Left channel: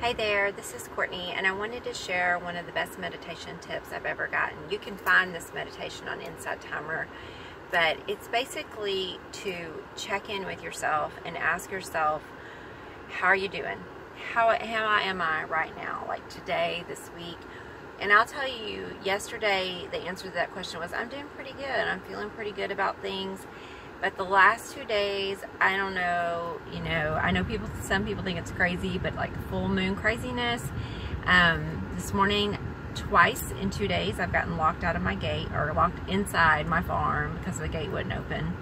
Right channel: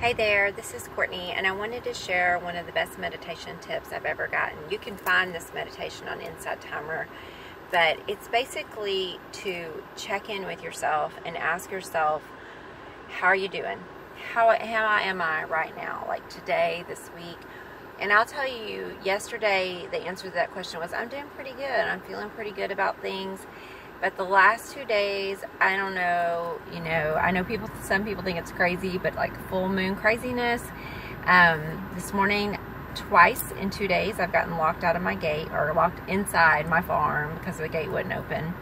Hey there, this is Courtney, and I wanted to share one of the best meditation tips I've ever gotten. You can find this meditation on Insight Timer, but it's basically to check in with yourself and ask yourself, how are you doing? How am I right now, like today, this week? And I'll tell you, yesterday the answer to that question was, I'm doing pretty good. I'm feeling pretty good about things. But the last 2 days, I don't know, I know some people think it's crazy, but like full moon craziness. This morning, twice in 2 days, I've gotten locked out of my gate, or locked inside my farm because the gate wouldn't open.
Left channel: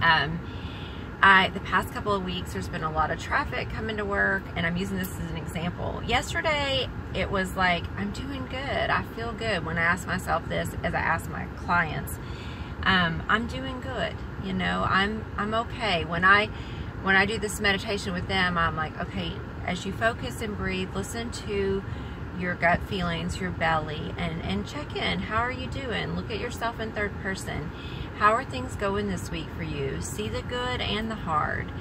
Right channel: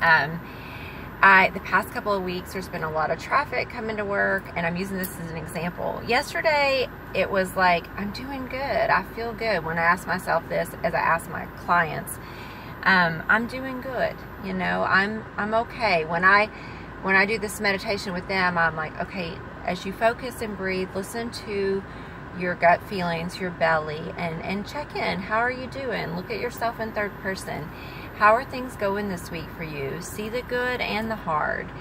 The past couple of weeks, there's been a lot of traffic coming to work, and I'm using this as an example. Yesterday, it was like, I'm doing good. I feel good. When I ask myself this, as I ask my clients, I'm doing good. I'm okay. When I do this meditation with them, I'm like, okay, as you focus and breathe, listen to your gut feelings, your belly, and check in. How are you doing? Look at yourself in third person. How are things going this week for you? See the good and the hard.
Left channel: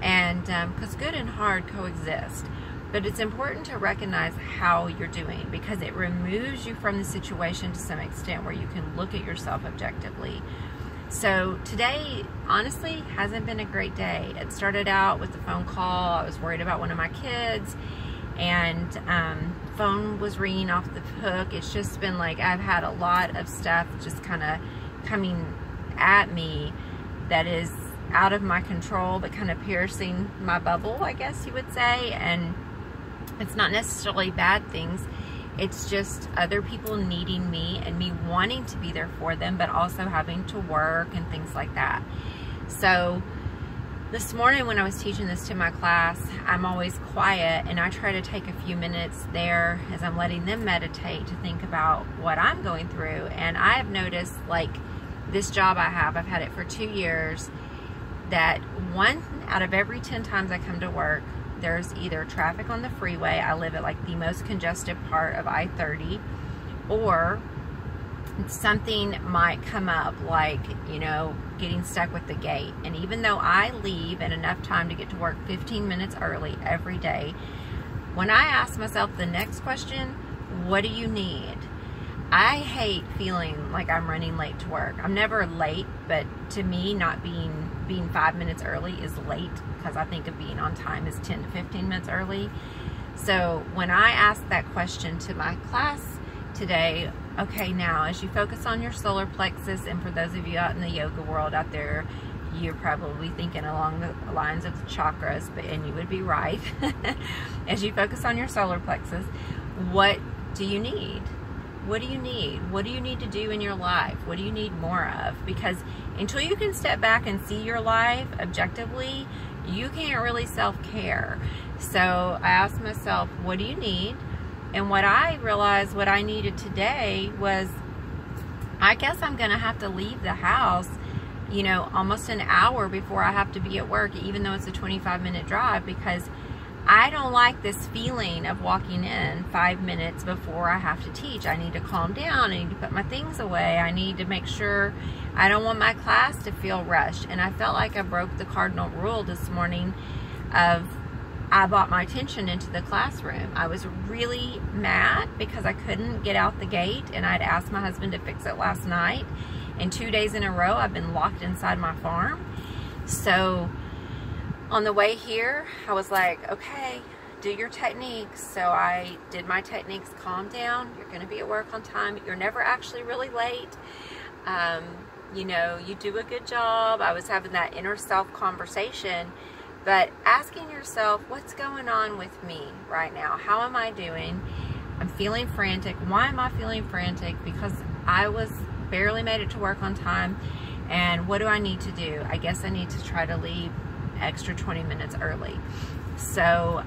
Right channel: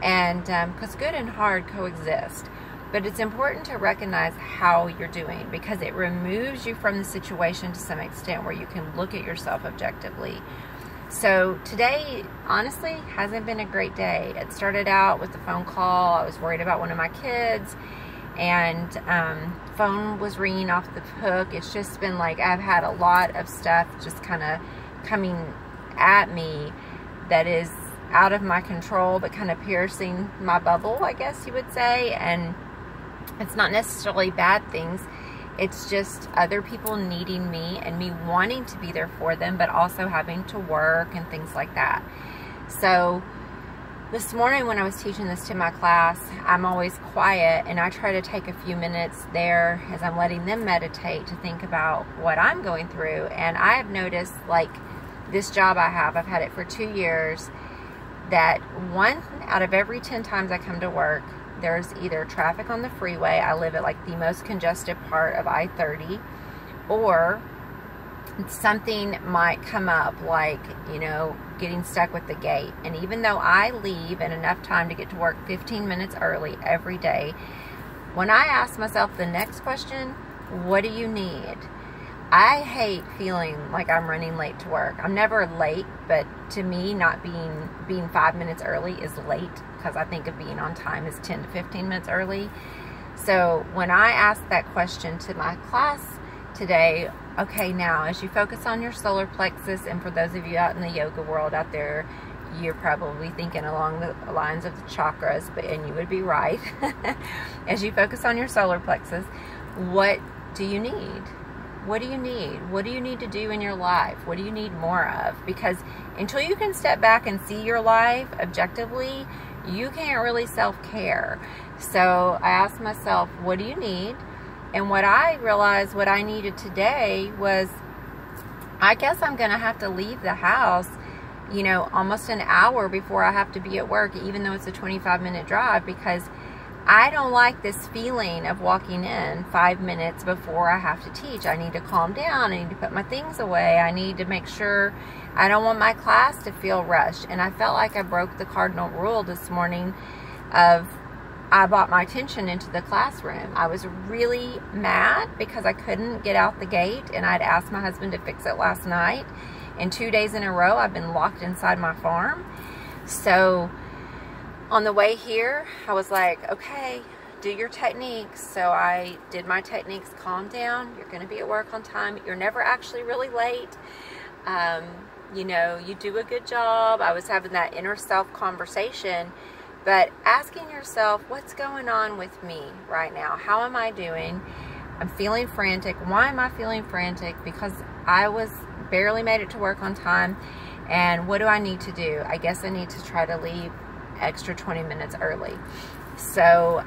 And because good and hard coexist. But it's important to recognize how you're doing, because it removes you from the situation to some extent where you can look at yourself objectively. So today, honestly, hasn't been a great day. It started out with a phone call. I was worried about one of my kids, and phone was ringing off the hook. It's just been like, I've had a lot of stuff just kind of coming at me that is out of my control, but kind of piercing my bubble, I guess you would say. And it's not necessarily bad things. It's just other people needing me and me wanting to be there for them, but also having to work and things like that. So this morning when I was teaching this to my class, I'm always quiet, and I try to take a few minutes there as I'm letting them meditate to think about what I'm going through. And I have noticed, like, this job I have, I've had it for 2 years, that 1 out of every 10 times I come to work, there's either traffic on the freeway. I live at like the most congested part of I-30, or something might come up, like, getting stuck with the gate. And even though I leave in enough time to get to work 15 minutes early every day, when I ask myself the next question, what do you need? I hate feeling like I'm running late to work. I'm never late, but to me, not being 5 minutes early is late, because I think of being on time as 10 to 15 minutes early. So when I asked that question to my class today, okay, now as you focus on your solar plexus, and for those of you out in the yoga world out there, you're probably thinking along the lines of the chakras, and you would be right. As you focus on your solar plexus, what do you need? What do you need? What do you need to do in your life? What do you need more of? Because until you can step back and see your life objectively, you can't really self-care. So I asked myself, what do you need? And what I realized what I needed today was, I guess I'm going to have to leave the house, almost an hour before I have to be at work, even though it's a 25-minute drive, because I don't like this feeling of walking in 5 minutes before I have to teach. I need to calm down. I need to put my things away. I need to make sure I don't want my class to feel rushed. And I felt like I broke the cardinal rule this morning of, I brought my attention into the classroom. I was really mad because I couldn't get out the gate, and I'd asked my husband to fix it last night. And 2 days in a row, I've been locked inside my farm. So on the way here, I was like, okay, do your techniques. So I did my techniques. Calm down. You're going to be at work on time. You're never actually really late. You do a good job. I was having that inner self conversation, but asking yourself, what's going on with me right now? How am I doing? I'm feeling frantic. Why am I feeling frantic? Because I barely made it to work on time. And what do I need to do? I guess I need to try to leave extra 20 minutes early. So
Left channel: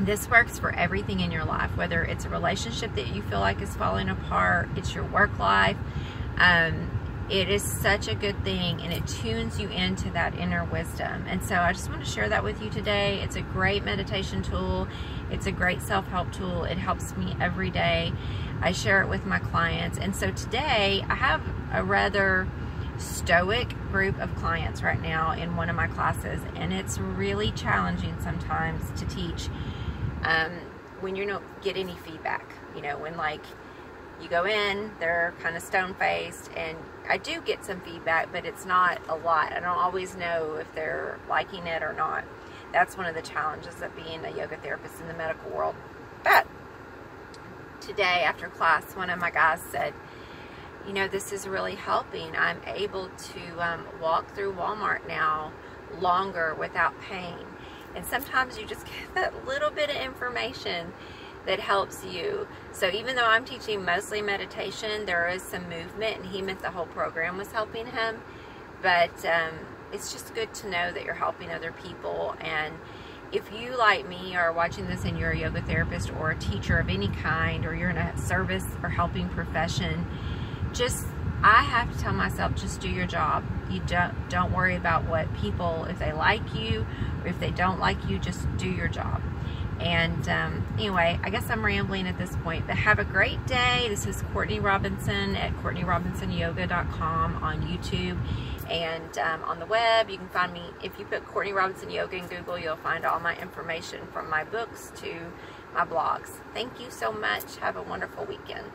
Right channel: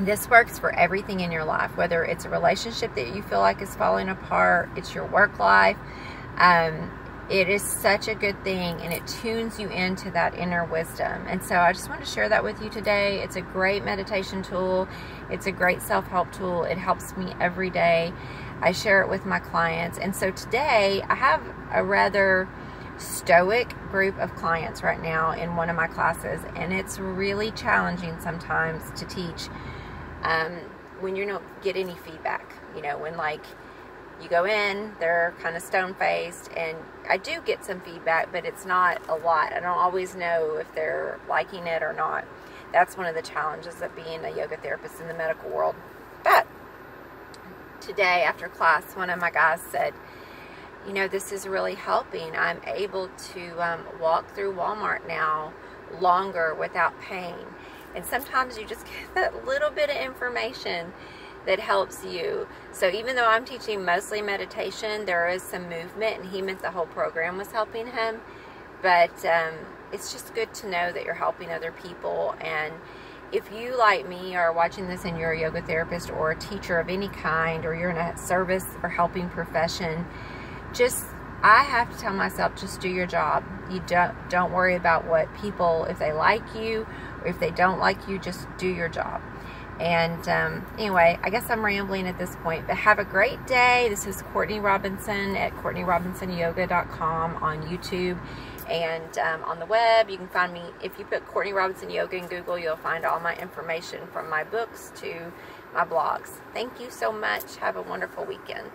this works for everything in your life, whether it's a relationship that you feel like is falling apart, it's your work life. It is such a good thing, and it tunes you into that inner wisdom. And so I just want to share that with you today. It's a great meditation tool. It's a great self-help tool. It helps me every day. I share it with my clients. And so today I have a rather stoic group of clients right now in one of my classes, and it's really challenging sometimes to teach when you don't get any feedback. You know, when like you go in, they're kind of stone-faced, and I do get some feedback, but it's not a lot. I don't always know if they're liking it or not. That's one of the challenges of being a yoga therapist in the medical world. But today after class, one of my guys said, you know, this is really helping. I'm able to walk through Walmart now longer without pain. And sometimes you just get that little bit of information that helps you. So even though I'm teaching mostly meditation, there is some movement, and he meant the whole program was helping him. But it's just good to know that you're helping other people. And if you, like me, are watching this and you're a yoga therapist or a teacher of any kind, or you're in a service or helping profession, I have to tell myself, just do your job. You don't worry about what people, if they like you or if they don't like you, just do your job. And anyway, I guess I'm rambling at this point, but have a great day. This is Courtney Robinson at CourtneyRobinsonYoga.com on YouTube. And on the web, you can find me. If you put Courtney Robinson Yoga in Google, you'll find all my information from my books to my blogs. Thank you so much. Have a wonderful weekend.